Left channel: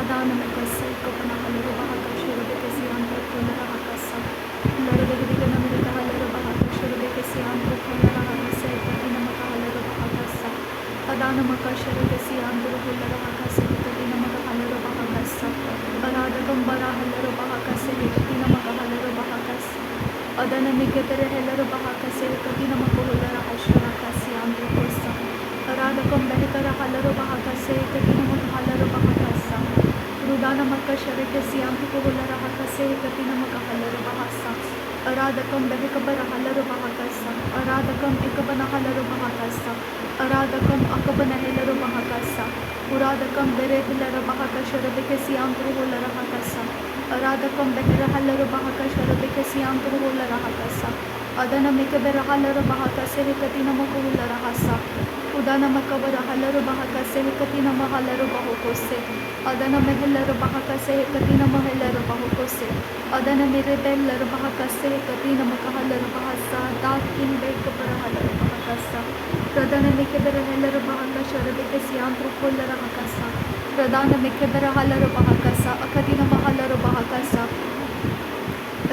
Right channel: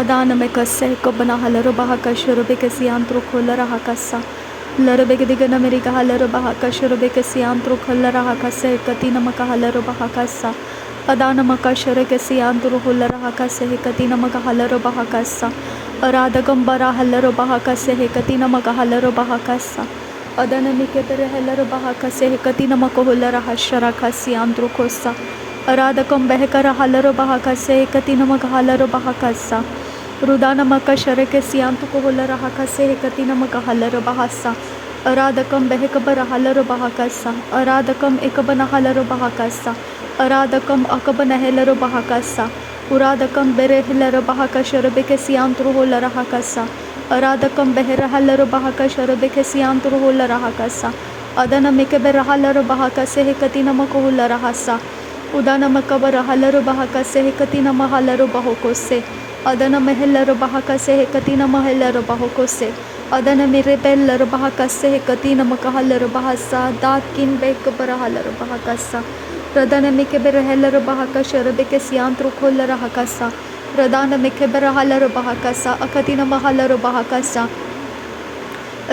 Adana mekase kobana halaro bahaka shurube kesi antro kolara hakasa larbe gedigana merika halaro bahaka shurube kesi antro kolara hakase katina maka halaro bahakasa Adana maka shure kesi antro kolara hakase katina maka halaro bahakasa Arada gambara halaro bahakase katina maka halaro bahakasa Adana mikepere halaro bahakase katina maka holara hashara kasi antro kosa Arada kambehekara halaro bahakase katina maka halaro bahakasa Rudana maka shareke siyantu ko holara hakase katina maka halaro bahasa Aradakam behekabara halaro bahakasa Aradakam ekabana halaro bahakasa Aradakam akabana helaro bahakasa Uradakam bere helaro bahaka sharabeke siyantu holara hakasa Aradakam behera halaro bahaka sharabeke siyantu holara hakasa Adana mekebera halaro bahakase katina maka holara hasa Udana makabara halaro bahakase katina mahalaro bahokose Adana mehelaro bahakase katina mahelaro bahokose Adana merebellaro bahakase katina makahalaro bahasa dakin bekabara halaro bahakasa Radana mekebera helaro bahakasha rabeke siantru kollara hakasa Radana mekebera halaro bahakasa akatina mahalaro bahakasa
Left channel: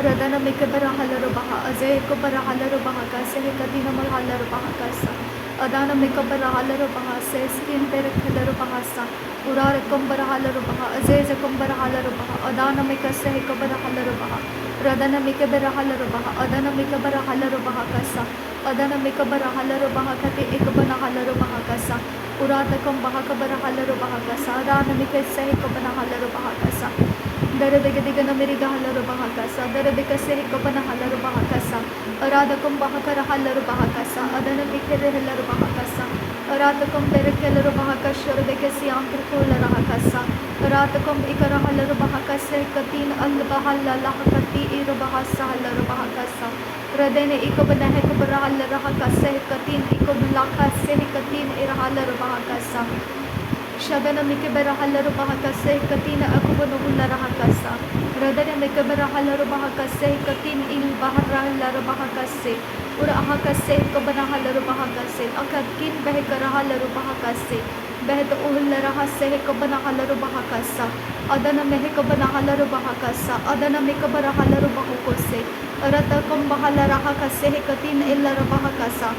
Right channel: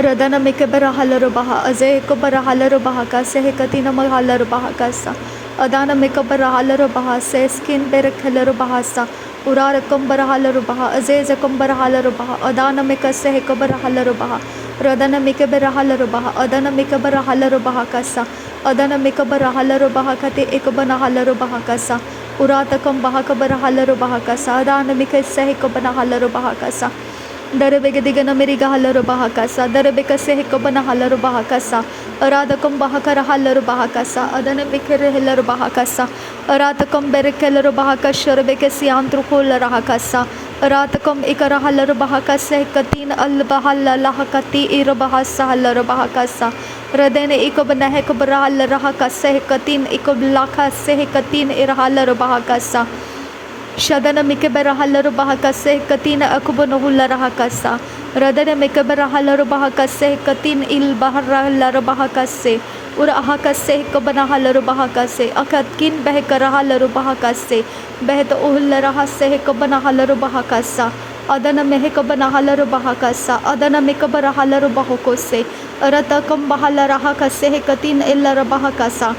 Radana mekebera halaro baha azay kobara halaro bahakase katina mahalaro bahakasa Adana mekabara halaro baha se skin berek halaro bahasa Urara kambara halaro baha azeza kambara halaro baha Adana mekase kabara halaro baha Radana mekabara halaro baha Adana mekabara halaro baha kasa Adana mekabara halaro baha kate ekabana halaro baha kasa Urata kambaha kabara halaro baha kasa Adana mekase kabana halaro baha kasa Darabega digana meriga halaro baha kasa Darabeka se kabana halaro baha kasa Aradakam bahakara halaro baha kasa Adana mekere halaro baha kasa Aratakam berekelaro bahaka sharbeke siantru kolara hakasa Aratakam ikara halaro bahakasa katin al bahalla lahakati ira bahasa halaro bahakasa Radene ikobana hekabara halaro hakasa katin ikoblaka se katin ira halaro bahakasa Shadana mikebera halaro bahakase katina akubano hulara hakasa Radana mikebera halaro bahakase katin il bahara halaro bahakase Ura ahakase kabana halaro bahakase akatkin behekara halaro bahakase Behet uhulara hase kabana halaro bahakasa Adana mehekabana halaro bahakasa Adana mikebera halaro bahokose Aratakam bahalara hakase katin illara bahakasa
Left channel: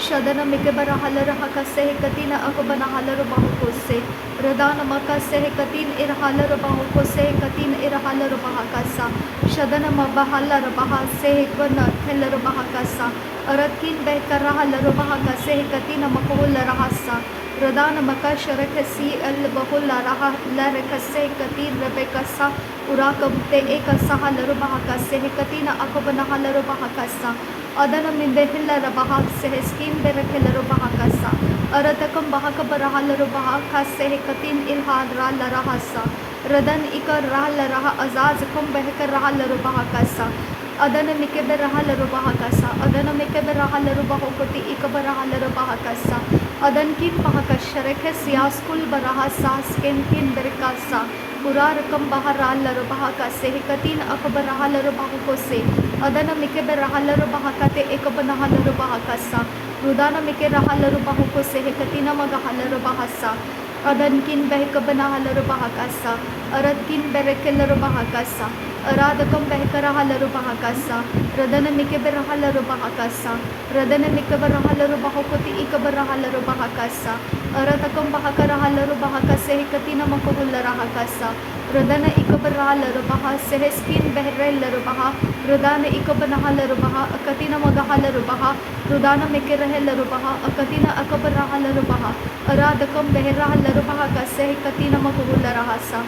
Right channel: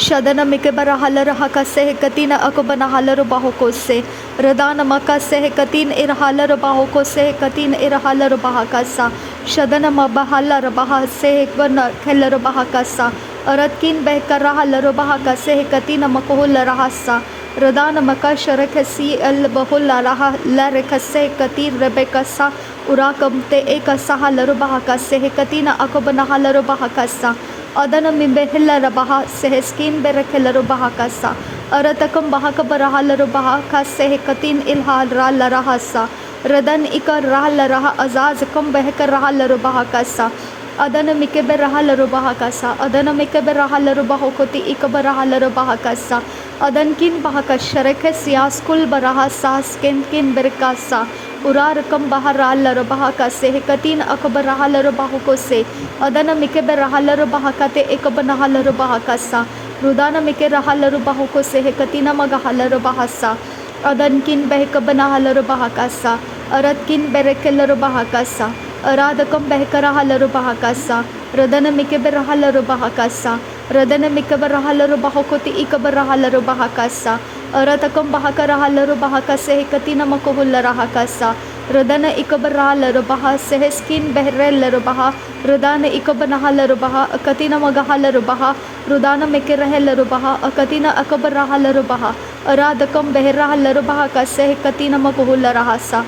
Shadana mikebara halara hakase katina akobana halaro bahokose Radana makase katin ir halaro bahokose katin ir halaro bahakasa Shadana mabahalara bahase bana khelaro bahakasa Aratkin behkara halaro bahakase katina makohulara hasa Radana makasharakasi al bahulara larekase katin rebekasa Urakamte ekasa halaro bahakase katina akobana halaro bahakasa Adana mimbehilla baha sehskin berekhelaro bahakasa Aratakam bahakabara halaro bahakase katin ilhal rala hasa Radan ikar rahal raha azaz kam behkar rahal bahakasa Adana mikebe rahal bahakasa Adana mikebe rahal bahokoti ikaba rahal bahakasa Adankin bahakashareke siaskul baraha sasken kin berkasa Urar kam bahar halaro bahakase katin akaba rahal bahokose Adana mikebe rahal bahakate ekabana halaro bahakasa Rudana mike rahal bahokose katina maga halaro bahasa Adankin behkabana halaro bahakasa Aratkin berekelaro bahakasa Aradakam behkara halaro bahakasa Radana mikebe halaro bahakasa Radana mikebe halaro bahokoti ikabara halaro bahakasa Aratakam bahakara halaro bahakase katina makohulara hakasa Radana ikabara halaro baha sehskin behrellaro baha Radana ikabana halaro baha katina maga halaro baha Rudana mekere halaro baha katina akabara halaro baha Aradakam behra halaro bahakase katina makohulara hasa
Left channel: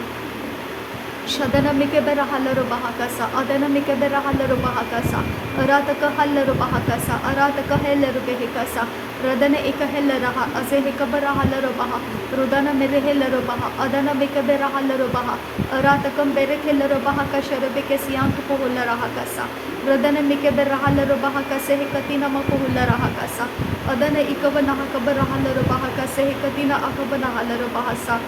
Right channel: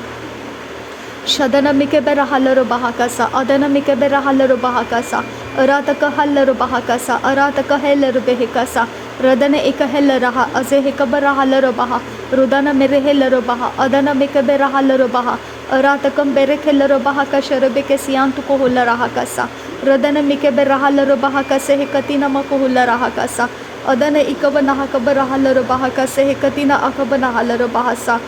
Shadana mikebera halaro bahakasa Adana mikebera halaro bahakasa Arataka halaro bahakasa Arataka helaro behikasa Radana eka helaraha azehekabara halaro baha Rudana mere helaro baha Adana mikebera halaro baha Aratakam berek helaro bahakasha rebeke siyantu ko hulara hakasa Radana mikebera halaro bahakase katina mako hulara hakasa Adana ikabana hakabara halaro bahakase katina akabana halaro bahasa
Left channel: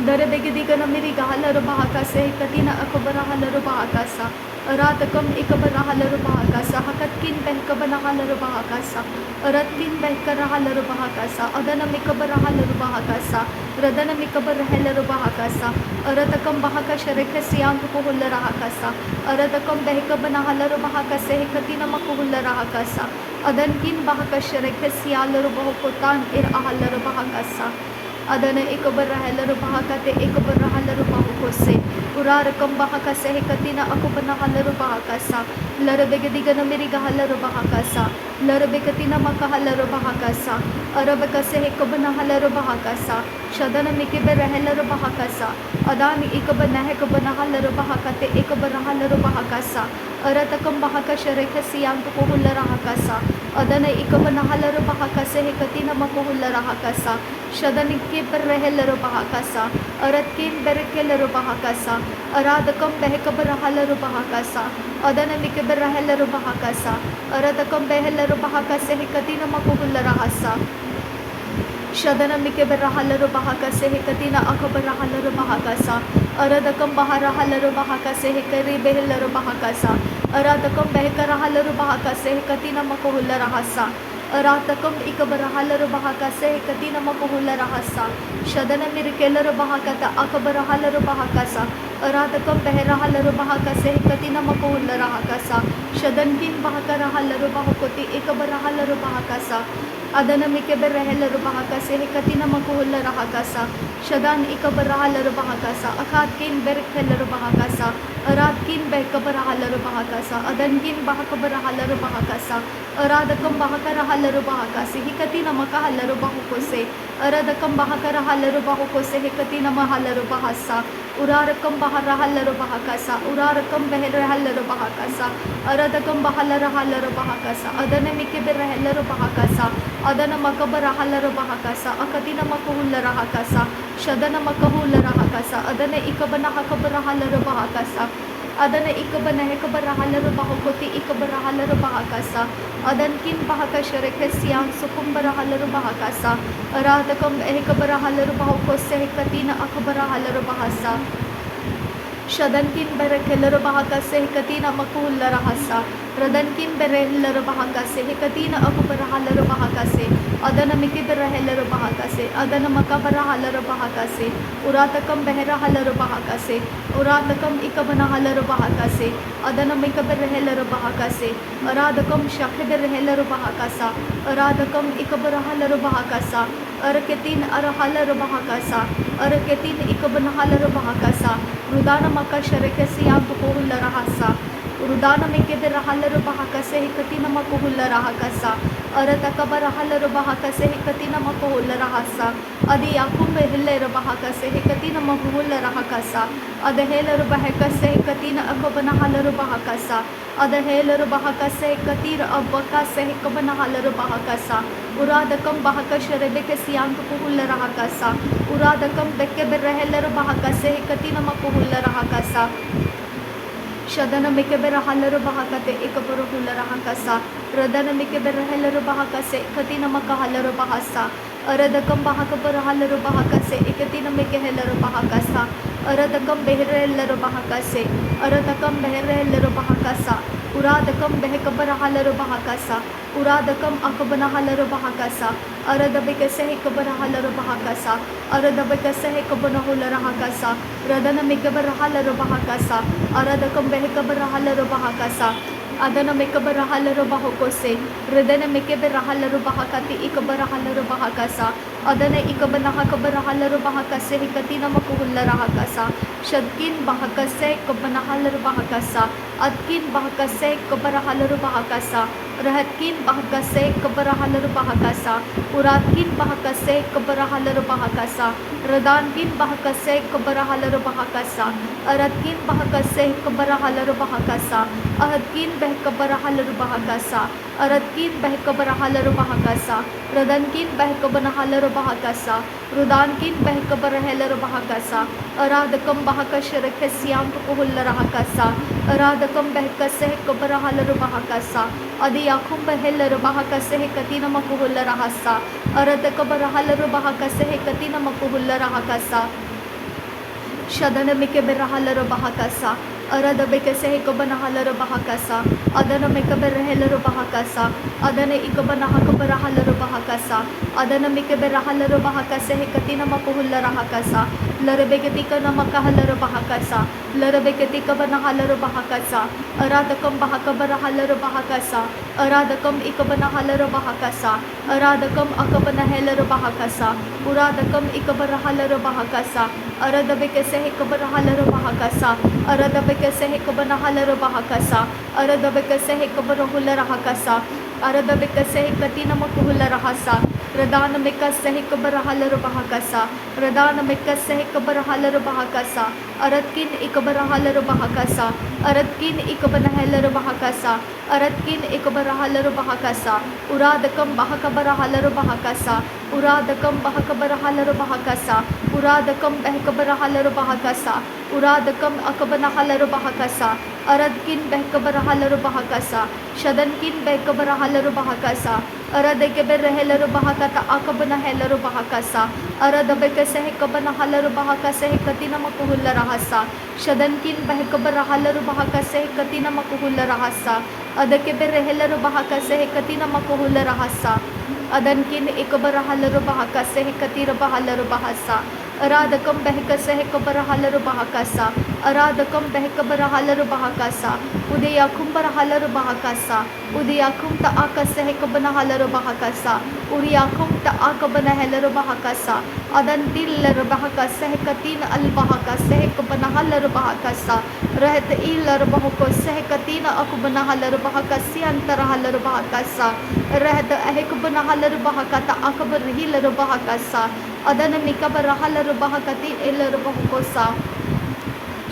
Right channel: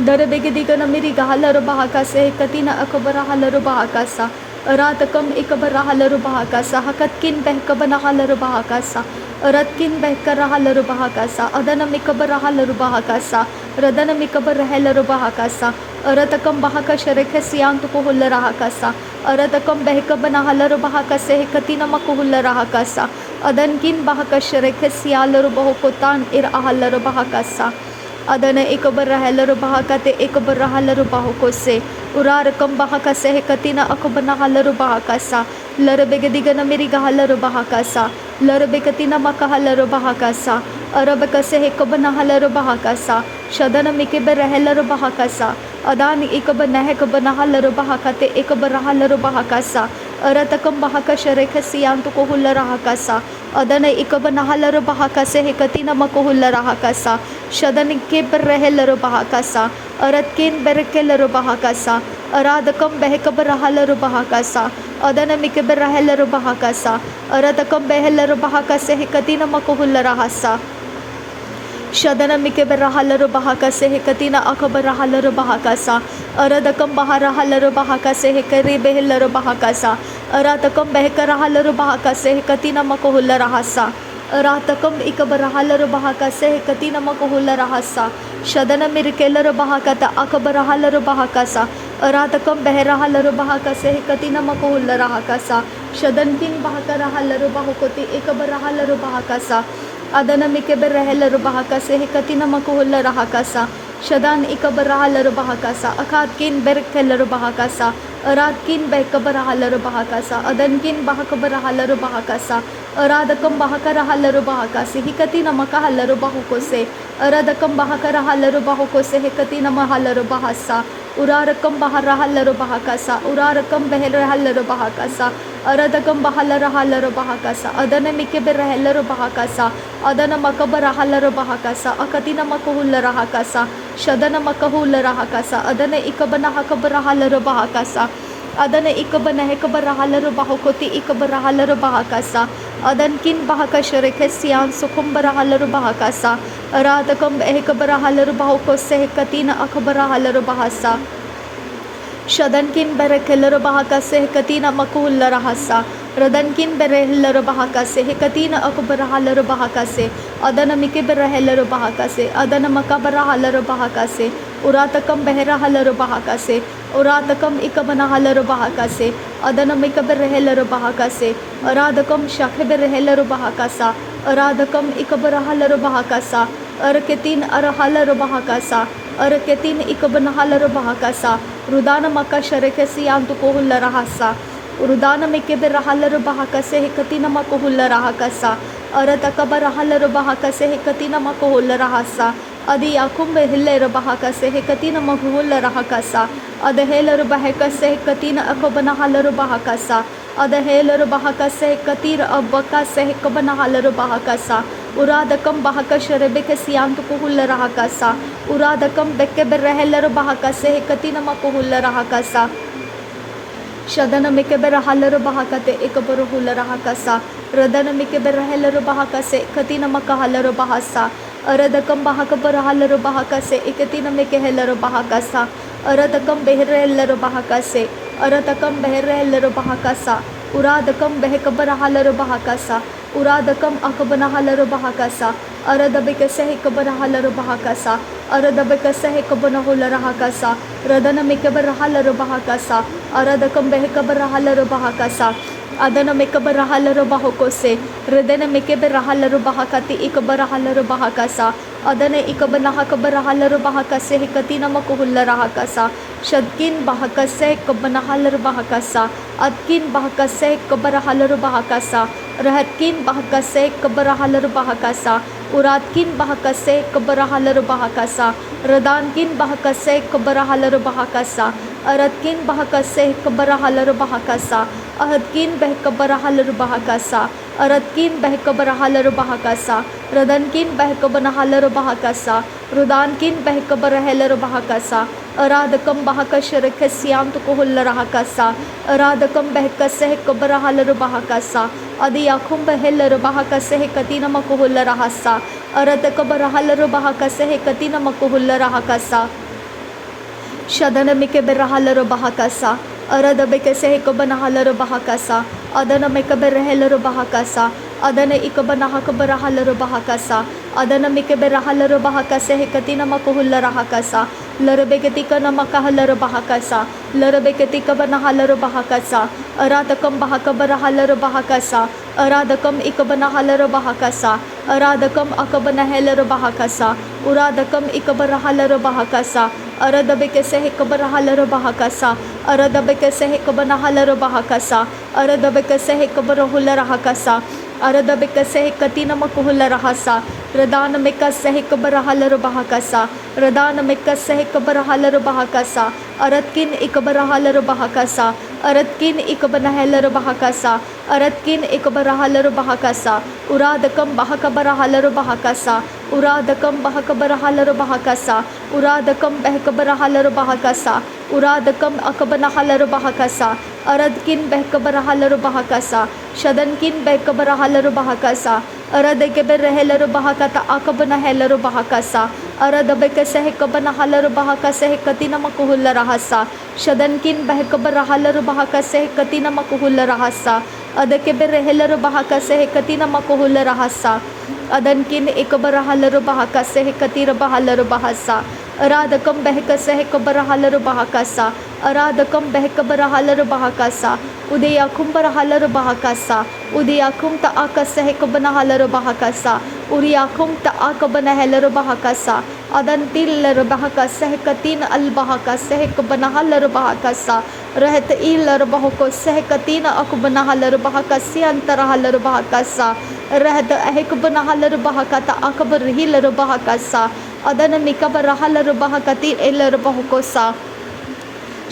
Darebege digana miri gahalaro bahakase katina akabara halaro bahakasa Ratakam ikabarahalaru bahakasa hakatkin behkabanahalaru bahakasa Ratkin behkarahalaru bahakasa Adanam ikabarahalaru bahakasa Radanam ikabarahalaru bahakasa Ratakam bahakasharekasiantukuhularahakasa Ratakam behkabanahalaru bahakase hekatina makuhularahakasa Adankin bahakasharekasialaru bahukutan irahalaru bahakasa Adana ikabarahalaru bahakate ikabarahalaru bahukose Urarakam bahakase hekatina akubanahallaru bahakasa Larabegadigana mirigahallaru bahakasa Larabegatina makahalaru bahakasa Arabakase hekabanahallaru bahakasa Shadana mikiberahalaru bahakasa Adani ikabanahekabanahallaru bahakate ikabarahalaru bahakasa Aratakam bahakasharekasiantukuhularahakasa Adana ikabanahalaru bahakase hekatina makuhularahakasa Shadani kiberahalaru bahakasa Aratkin berekelaru bahakasa Aradakam behekabarahalaru bahakasa Adana mikiberahalaru bahakasa Aradakam behelaru bahakase hekatina makuhularahasa Shadana mikiberahalaru bahakase hekatina akabarahalaru bahakasa Aradakam baharahalaru bahakase hekari behelaru bahakasa Aradakam behekarahalaru bahakase hekatina makuhularahasa Aratakam ikabarahalaru bahakase hekatina makuhularahasa Shadana mirikelaru bahakata akabarahalaru bahakasa Aratakam beherahalaru bahakase hekatina makuhularahakasa Shadankin bahakarahalaru bahukoti ikabarahalaru bahakasa Adana mikiberahalaru bahakase hekatina makuhularahakasa Shadan ikabarahalaru bahakasa Akatkin berkelaru bahakasa Aradkin behkabarahalaru bahakasa Adankin bahakabarahalaru bahakasa Aradakam bahakarahalaru bahakase hekatina makahalaru bahukose Aradakam bahakarahalaru bahukose hekatina mahalaru bahasa Urarakam baharahalaru bahakasa Urarakam beherahalaru bahakasa Aradakam bahalarahalaru bahakasa Adana mikiberahalaru bahakasa Adana makabarahalaru bahakasa Akatina makuhularahakasa Shadana makahularahakasa Adana ikabanahakabarahalaru bahakasa Adana ikabanahekabarahalaru bahukoti ikabarahalaru bahakasa Adankin bahakasharekasian sukumbarahalaru bahakasa Aradakam behekabarahalaru bahukose hekatina akabarahalaru bahasa Shadankin berekelaru bahakase hekatina makuhularahasa Radankin berehelaru bahakase hekatina akabarahalaru bahakase Adana mikiberahalaru bahakase Adana makabarahalaru bahakase Uratakam beherahalaru bahakase Uratakam ikabanahalaru bahakase Adana mikaberahalaru bahakase Aradakam shakhiberahalaru bahakasa Aradakam ikabarahalaru bahakasa Arketin arahalaru bahakasa Arketin ikabanahalaru bahakasa Rudana makasharekasiantukuhularahasa Urudana mikiberahalaru bahakase hekatina makuhularahakasa Aratakabarahalaru bahakase hekatina makuhularahasa Adi yakum behelaru bahakase hekatina makuhularahakasa Adahelaru bahakase hekatina akabanahalaru bahakasa Adahelaru bahakase hekatira abakase hekabanahalaru bahakasa Uradakam bahakasharebekasiantukuhularahakasa Uradakam bekeberahalaru bahakase hekatina makuhularahakasa Shadana mikiberahalaru bahakate ikabaruhularahakasa Radana mikiberahalaru bahakase katina makahalaru bahasa Aradakam bahakabarahalaru bahakase ikatina mikehelaru bahakasa Aradakam beherahalaru bahakase Aradakam beherahalaru bahakasa Uradakam behekabarahalaru bahakasa Uradakam akabanahalaru bahakasa Aradabikase hekabarahalaru bahakasa Aradabikase hekabanahularakasa Radana mikabarahalaru bahakasa Aradakam behekabarahalaru bahakasa Adana mikabarahalaru bahukose Radana mikabarahalaru bahakati ikabarahalaru bahakasa Adana ikabanahakabarahalaru bahakase hekatina makuhularahakasa Shadkin bahakase kabanahalaru bahakasa Adkin bahakase kabarahalaru bahakasa Rahatkin bahakase kabarahalaru bahakasa Uratkin bahakase kabarahalaru bahakasa Radankin bahakase kabarahalaru bahakasa Aratkin bahakase kabarahalaru bahakasa Ahadkin behkabarahalaru bahakasa Aratkin behkabarahalaru bahakasa Radankin behkabanahalaru bahakasa Rudankin behkabarahalaru bahakasa Aradakam bahakasharekasiantukuhularahakasa Aradakam behkase kabarahalaru bahakasa Adi yakum behelaru bahakase hekatina makuhularahasa Aradakabarahalaru bahakase hekatina makuhularahakasa Shadana mikiberahalaru bahakasa arada bekese hekabana halaro bahakasa adana mekabe rehelaro bahakasa adana ikabana hakabara halaro bahakasa adana mekabe rahalaro bahakase hekatina makuhulla rahakasa larabeketika namaka halaro bahakasa larabeketika bana halaro bahakasa aradakam bahakabara halaro bahakasa aradakam ikabana halaro bahakasa aradakam akabana helaro bahakasa uradakam ikabara halaro bahakasa aradabekese hekabara halaro bahakasa aradabekese hekabana halaro bahakasa aradabekese hekabara hulla rahakasa aradabekese hekatina makuhulla rahasa radana mekase hekabara halaro bahakasa radana mekase hekabara halaro bahakasa aratkin ikabara halaro bahakasa aratkin ikabana halaro bahakasa aratkin ikabara halaro bahakasa uradakam bahakabara halaro bahakasa uradakam bahakabara halaro bahakasa uradakam bahakabara halaro bahakasa uradakam akabana halaro bahakasa aradkin bahakabara halaro bahakasa shadankin bahakabara halaro bahakasa aradekebe rehelaro bahakata akabana helaro bahakasa aradabekase hekabana halaro bahakase hekatina makuhulla rahasa shadankin bahakabara halaro bahakase hekatina makuhulla rahasa adakebe rehelaro bahakase hekatina makuhulla rahasa adankin ikabara halaro bahakase hekatira bahalaro bahasa aradakam bahakase hekabara halaro bahakasa aradakam bahakabara halaro bahakasa udayakum bara halaro bahakasa udayakum ta akase hekabana halaro bahakasa uriyakum ta akabana helaro bahakasa adantil bahakasa hekatin al bahakasa hekabana halaro bahakasa rahat ilar bahako sehkatina akubana halaro bahakasi antara halaro bahakasa rahat hekabana halaro bahakata akabar hilaro bahakasa adana mikabara halaro bahakati ilar bahakosa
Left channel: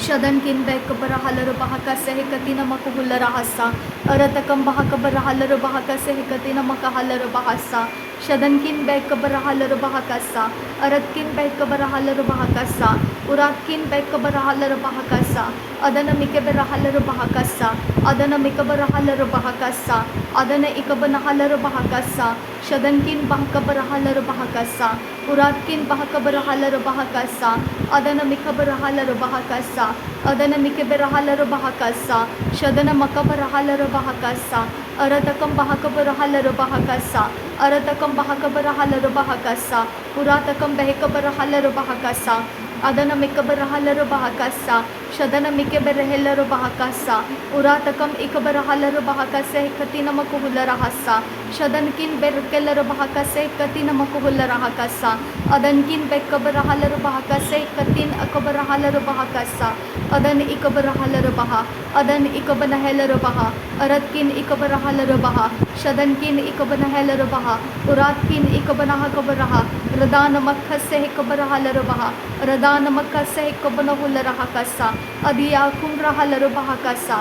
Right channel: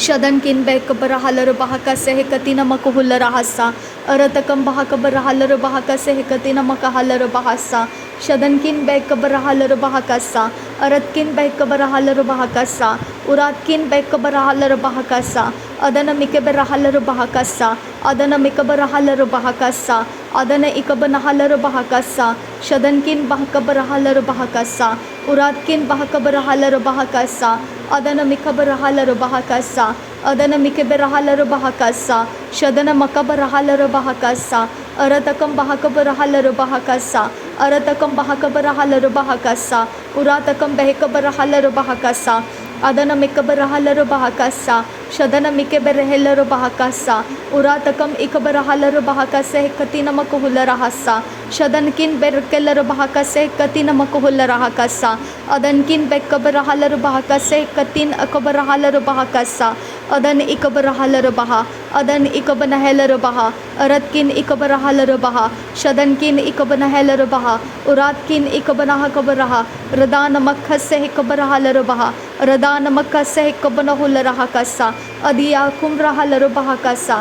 shadankin bekabara halaro bahakase hekatina makuhulla rahasa aratakam bahakabara halaro bahakase hekatina makahalaro bahasa shadankin bekabara halaro bahakasa aratkin bekabara halaro bahakasa uratkin bekabara halaro bahakasa adana mikabara halaro bahakasa adana mikabara halaro bahakasa adana ikabana halaro bahakasa shadankin bahakabara halaro bahakasa uratkin bahakabara halaro bahakasa adana mikabara halaro bahakasa adana mikabara halaro bahakasa shadana makabara halaro bahakasa aratakam bahakabara halaro bahakasa aratakam bahakabara halaro bahakasa uratakam behekabara halaro bahakasa adana mikabara halaro bahakasa shadana mikabara helaro bahakasa uratakam ikabara halaro bahakasa hekatina makuhulla rahasa shadankin berkelaro bahakasa hekatina makuhulla rahakasa adankin bekabara halaro bahakasa hekatin akabara halaro bahakasa adan ikabara halaro baha adan ikabana helaro baha aratkin ikabara halaro baha shadankin ikabana helaro baha uratkin ikabana hakabaraha radana makhase hekabara halaro baha radana makhase hekabana hulla rahakasa adiyakum rahalaro bahakasa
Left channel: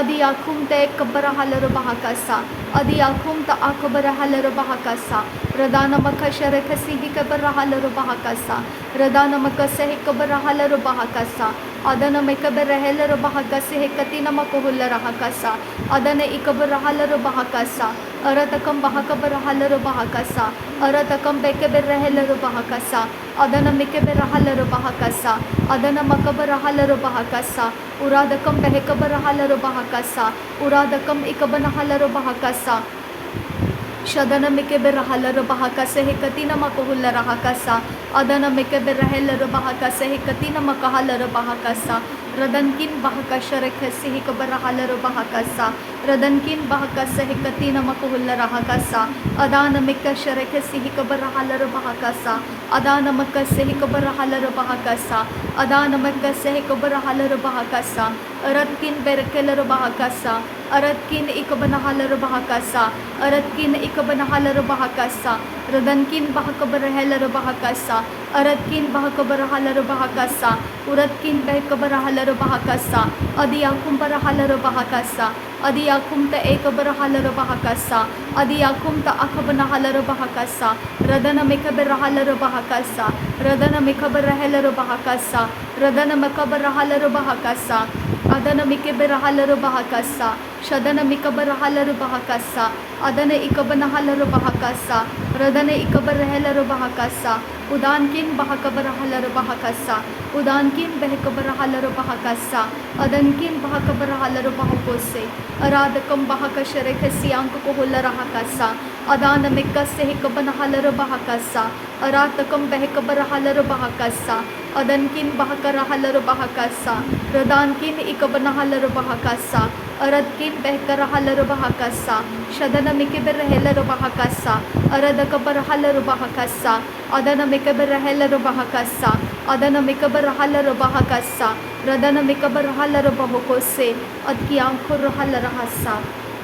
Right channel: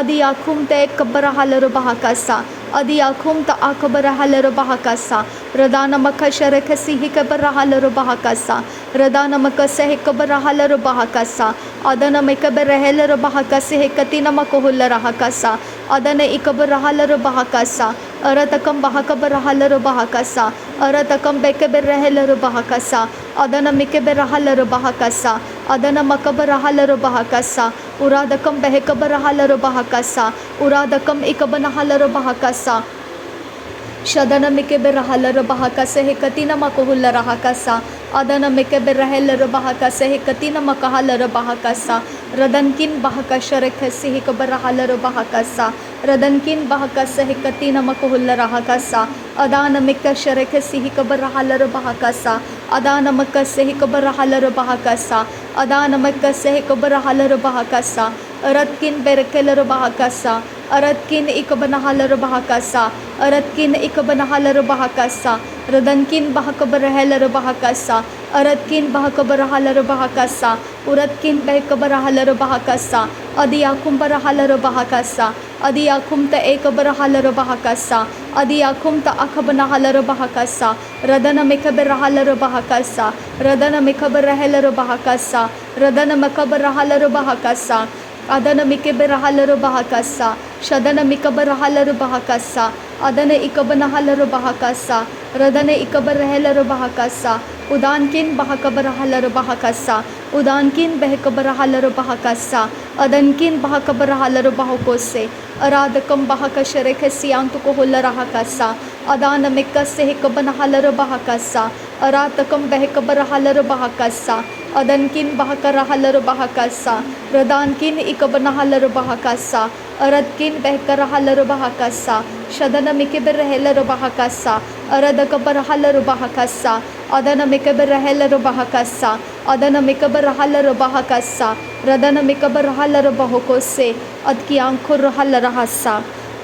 adiyakum te kabara halaro bahakasa adiyakum ta akabara halaro bahakasa radana makhashare khasi hekabara halaro bahakasa radana makhase hekabara halaro bahakasa adana mekabara helaro bahakase hekatina makuhulla rahakasa adana ikabara halaro bahakasa aratakam bahakabara halaro bahakasa aratakam bekabara helaro bahakasa adana mikabara halaro bahakasa adana makabara halaro bahakasa uradakam behekabara halaro bahakasa uradakam ikabana halaro bahakasa shadana mikabara halaro bahakase hekatina makuhulla rahakasa adana mikabara helaro bahakase hekatina makahalaro bahakasa radankin bahakashare khasi hekabara halaro bahakasa radankin bahakase hekatina makuhulla rahakasa adana mikashare khasi hekabara halaro bahakasa adana makase hekabara halaro bahakasa adana makase hekabara halaro bahakasa aratkin berekelaro bahakasa aratkin ikabana halaro bahakasa aratkin ikabana halaro bahakasa radankin bahakabara helaro bahakasa aratkin bahakabara halaro bahakasa uratkin behekabara halaro bahakasa adiyakum bara halaro bahakasa adiyakum ta ekabara halaro bahakasa adiyakum ta akabana halaro bahakasa radana mekabara halaro bahakasa radana mekabara helaro bahakasa radana mekabara halaro bahakasa adana mikabara halaro bahakasa shadana mikabara halaro bahakasa adana ikabana halaro bahakasa radana ikabara helaro bahakasa udankin bahakabara halaro bahakasa udankin behkabarahalaru bahakasa adankin bahakabarahalaru bahakose aradakam bahakashere khasiyantu ko hularahakasa adana mikase hekabanahalaro bahakasa aratakam behkabarahalaru bahakasa adankin bahakarahalaro bahakasa radankin ikabanahalaro bahakasa aradkin behkarahalaro bahakasa shadana mikibarahalaro bahakasa aradakabarahalaru bahakasa adana mikabarahalaro bahakasa adana mikabarahalaro bahakasa radana mikabarahalaro bahakose adki आंखों रहल रहसा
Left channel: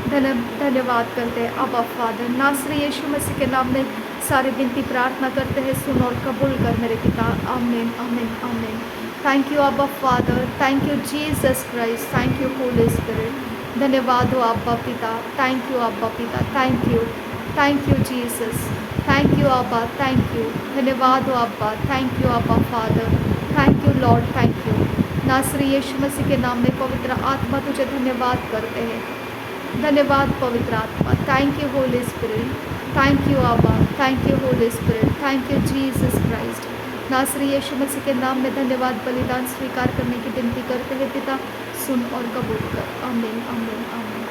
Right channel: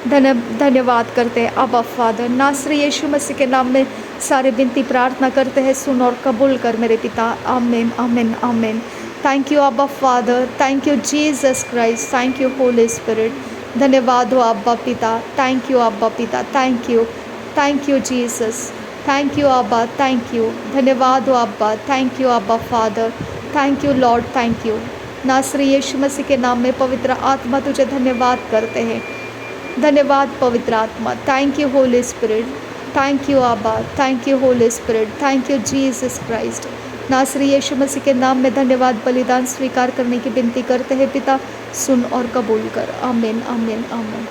धन्यवाद करते हैं अब्बा father. नासरी यीशु मसीह के नाम में सारे विनती प्रार्थना करते हैं, सुन और कबूल कर मेरे पिता। आमीन आमीन आमीन। थैंक यू अब्बा father, thank you Jesus Christ, thank you holy spirit. धन्यवाद हो अब्बा पिता, थैंक यू अब्बा पिता, thank you Jesus, thank you अब्बा, थैंक यू। धन्यवाद हो अब्बा, थैंक यू अब्बा father, thank you Lord, thank you. नासरी यीशु मसीह के नाम में पवित्र आत्मा तुझे धन्यवाद करते हैं। धन्यवाद पवित्र आत्मा, thank you holy spirit, thank you आबा, thank you holy spirit, thank you Jesus Christ. नासरी यीशु मसीह के नाम में धन्यवाद बलिदान स्वीकार करने की विनती करते हैं पिता, सुन और कबूल कर। आमीन आमीन आमीन।